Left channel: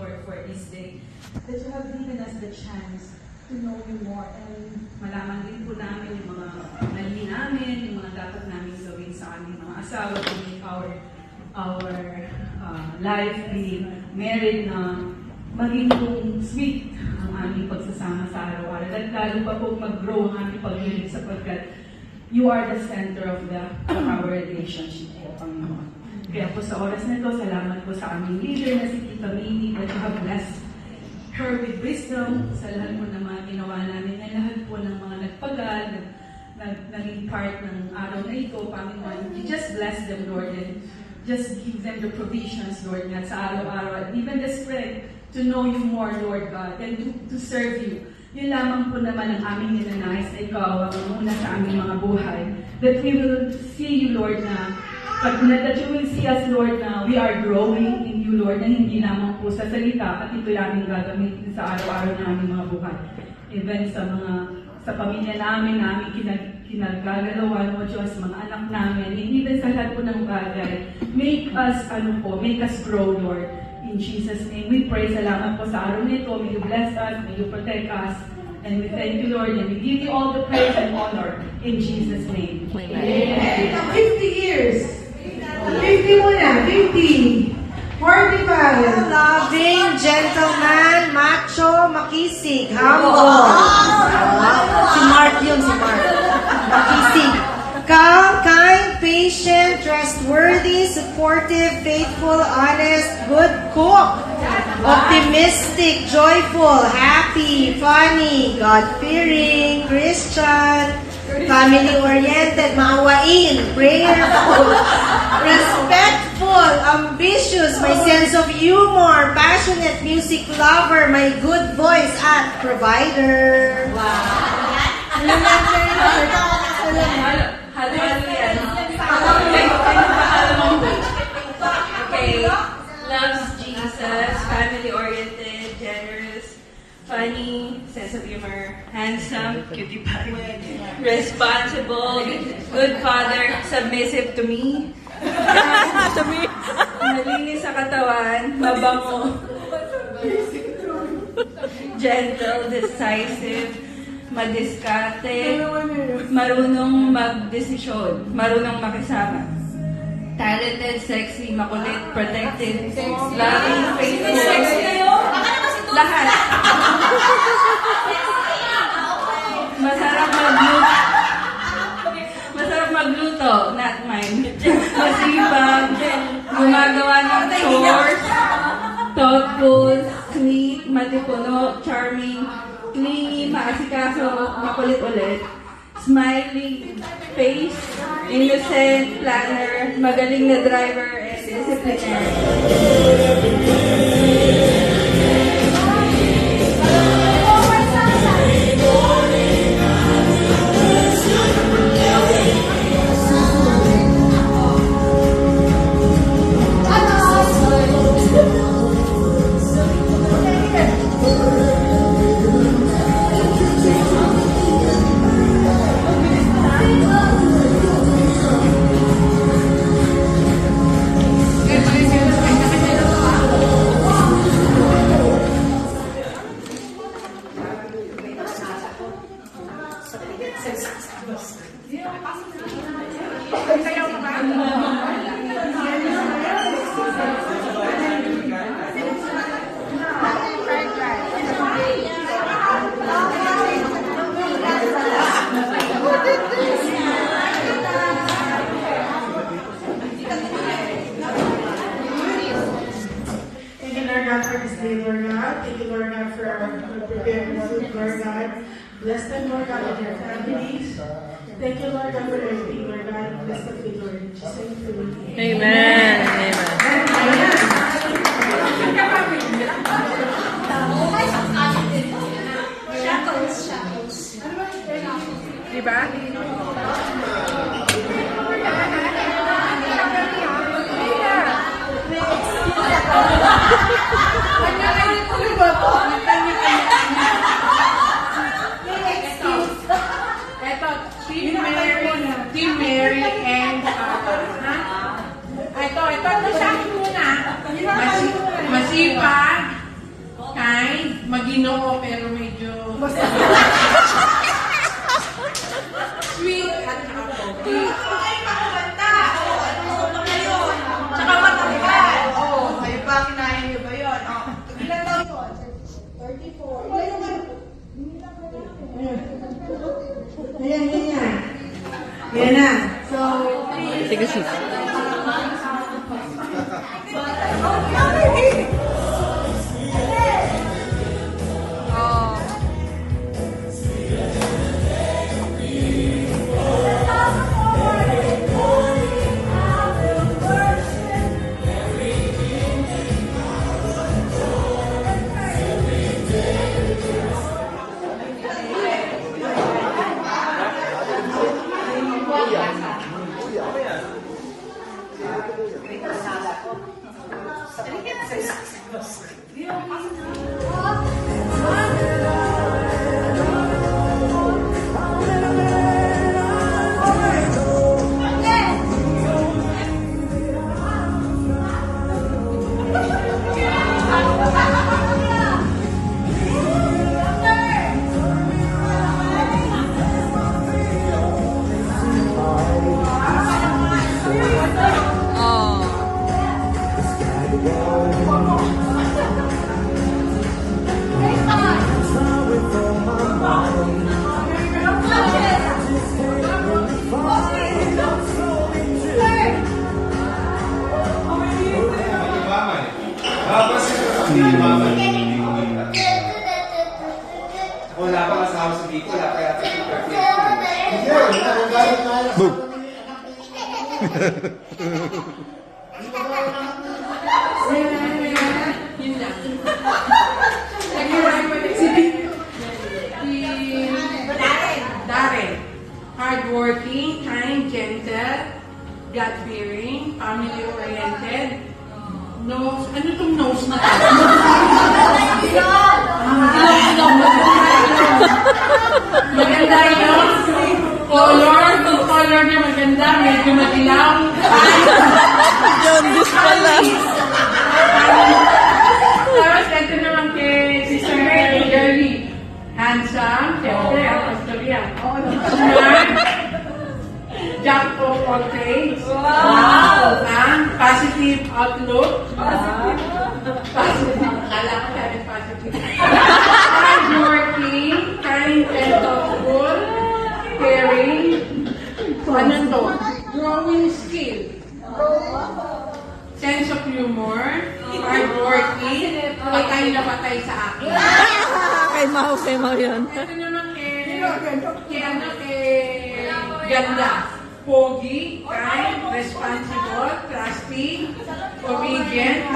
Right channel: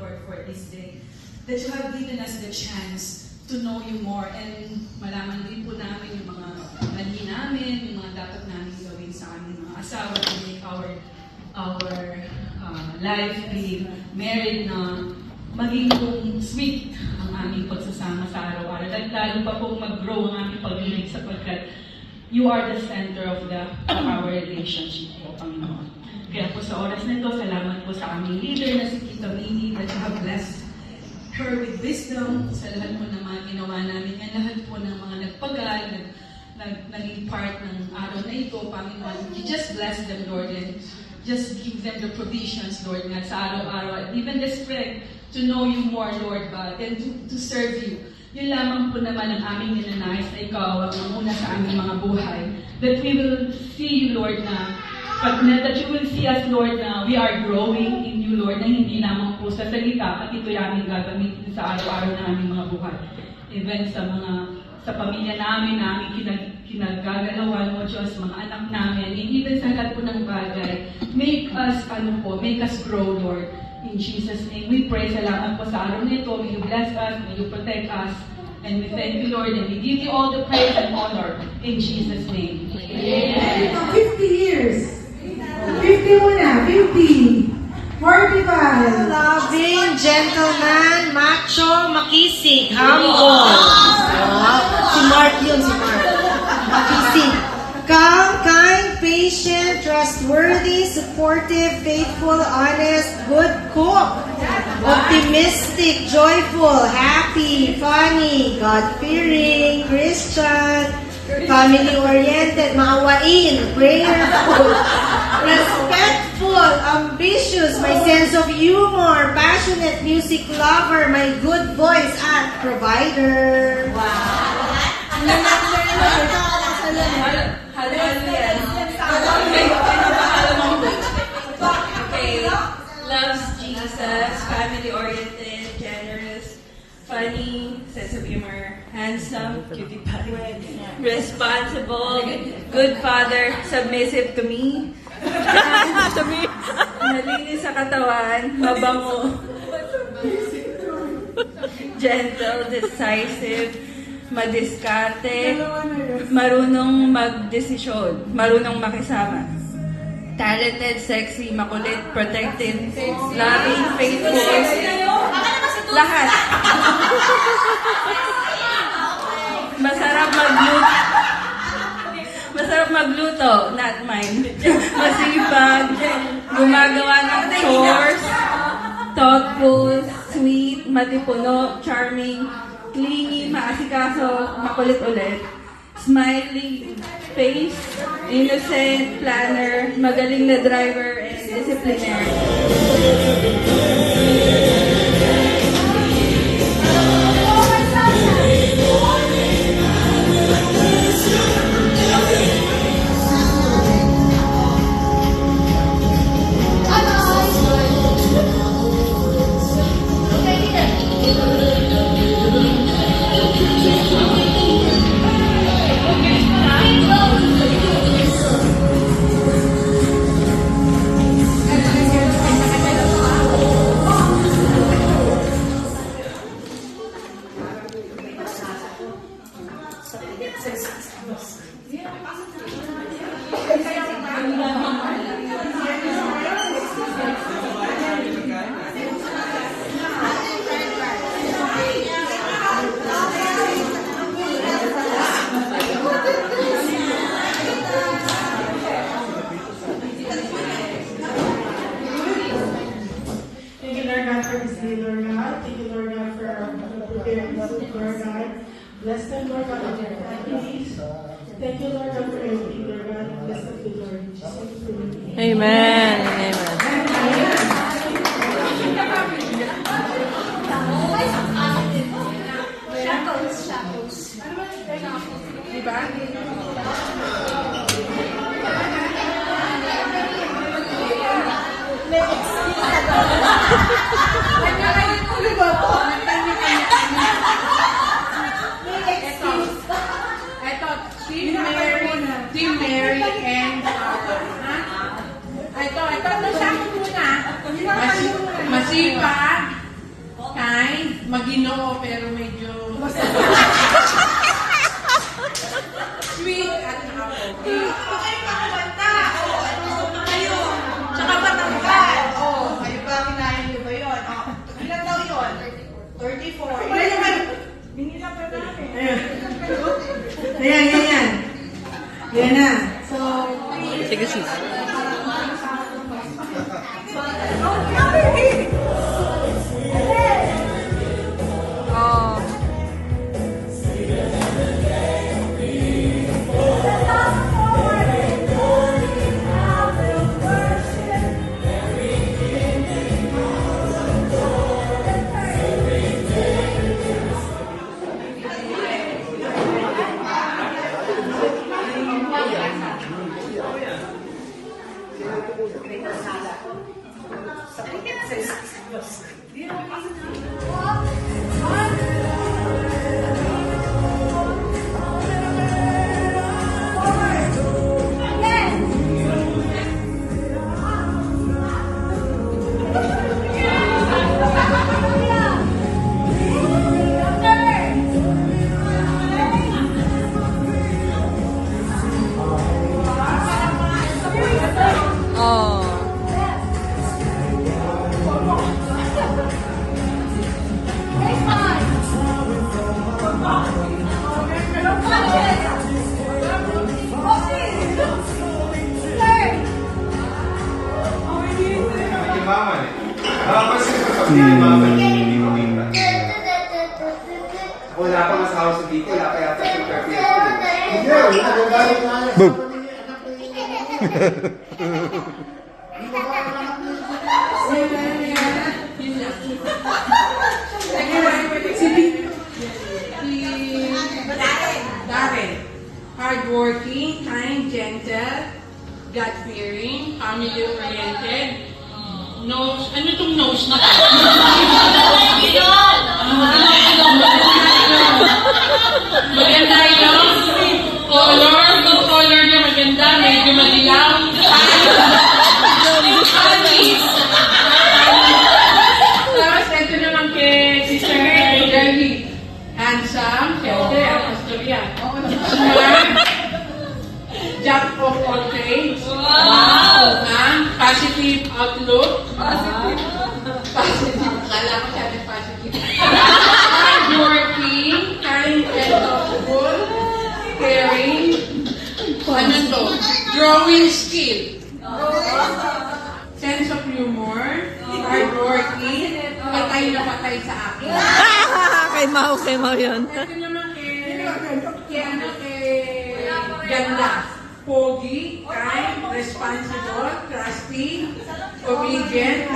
Lord, for this day. That you have given us the chance to know you more, and malaman din po namin yung mga mali namin, yung mga dapat namin gawin sa aming mga asawa to make our life being married na maging kung sweet ang aming pagsasama sa araw-araw. At lalo pa pong mag-grow ang aming pag-ibig sapagkat you are the center of our relationship po, Panginoon. Kaya po sa oras na ito, salamat po sa aming leader na si Tita Minnie, that you have blessed her with wisdom. Sa lahat po ng mga ginawa namin, at lahat po ng mga nagpagal, naging part ng araw na ito, Panginoon. You just bless them, Lord, and just give them the provisions, Lord, na sa araw-araw, and even the strength to know you more, Lord God, and to serve you. Yun lamang po naman ang aming ninanais na ikaw ang una sa aming mga buhay. That we will see you, Lord, that you will see us, Lord, na we are growing in you, Lord, na hindi lamang po sa salita, at ito namin gagamitin sa araw-araw na aming mga buhay. Even sa pamilya namin, kinagagalawan mo, Diyos, mga anak namin, and even sa lahat po ng bagay, make us grow, Lord. In Jesus' name, we pray. Salamat po sa araw nito. May you bless us, may you protect us, and we thank you, Lord, and we give you all the praise and honor in Jesus' name. Amen. 50 years. 50 muna, 50. 45. Loving, gentleman, macho, makisig, humble. Si Mark yun, si Mark. Makisig. Calm, kind, patient, trustworthy, supportive, faithful, honest, good cook. Optimistic, joyful, happy, funny, God-fearing, Christian, family-oriented, maawain, prayerful, respectful, ambitious, my sense of humor, passionate music lover, my good voice, at provider. Okay. Loves Jesus, family-oriented, generous, funny, sense of humor, handsome, cutie pie, responsible, good father, submissive to me, malinis sa katawan, mabango, gentle, decisive, madiskarte, marunong magdesisyon, marunong makisama, talented, sexy, makulit, protected, loving, faithful, lahat. Masarap magluto, not mine. Masipag, gumagawa ng chores, thoughtful, sweet, matipuno, charming, clingy, maasikaso, makulit ulit, smiling face, innocent, planner, magaling na driver, and disciplinary. Bless them, Lord God, and their families. Thank you, Lord God, for everything, Lord God. Bless them, Lord. In Jesus' name. Amen. Amen. Diba? Team Mary and ito na siya muna. Masipag, Maginoo pero medyo sweet at humble. Ay, pakabanta! Gusto pa kayo. Tsaka matangkad. Kayo ba, kinayan niyo ba yun? Ilan daw yun? 34. Ilan naman? Binilang pa namin. Ayan. Ayan na. So, Sige, sis. Oh. Wala pang asawa sa dito, wala pa yata si Perfect. Darren. Hardworking, kind, gentle, God-fearing, family-oriented. Nose, ano itong nose na to? Maganda yun. Yung color niya maganda, medyo madilaw. Tapos ito naman kay Sister Girlie. Handsome, siyempre, apostol yan. Smart, jack of all trades. Wow! Positive outlook. Positive. Kala ko sabi positive. Hardworking, kind and thoughtful, caring. Ano to? Drawing skill. Sense of humor, hardworking, patay na patay sa akin. Kay Mau yun. Ito naman kay ganda. Pogi, kind, responsible, trusty, obedient,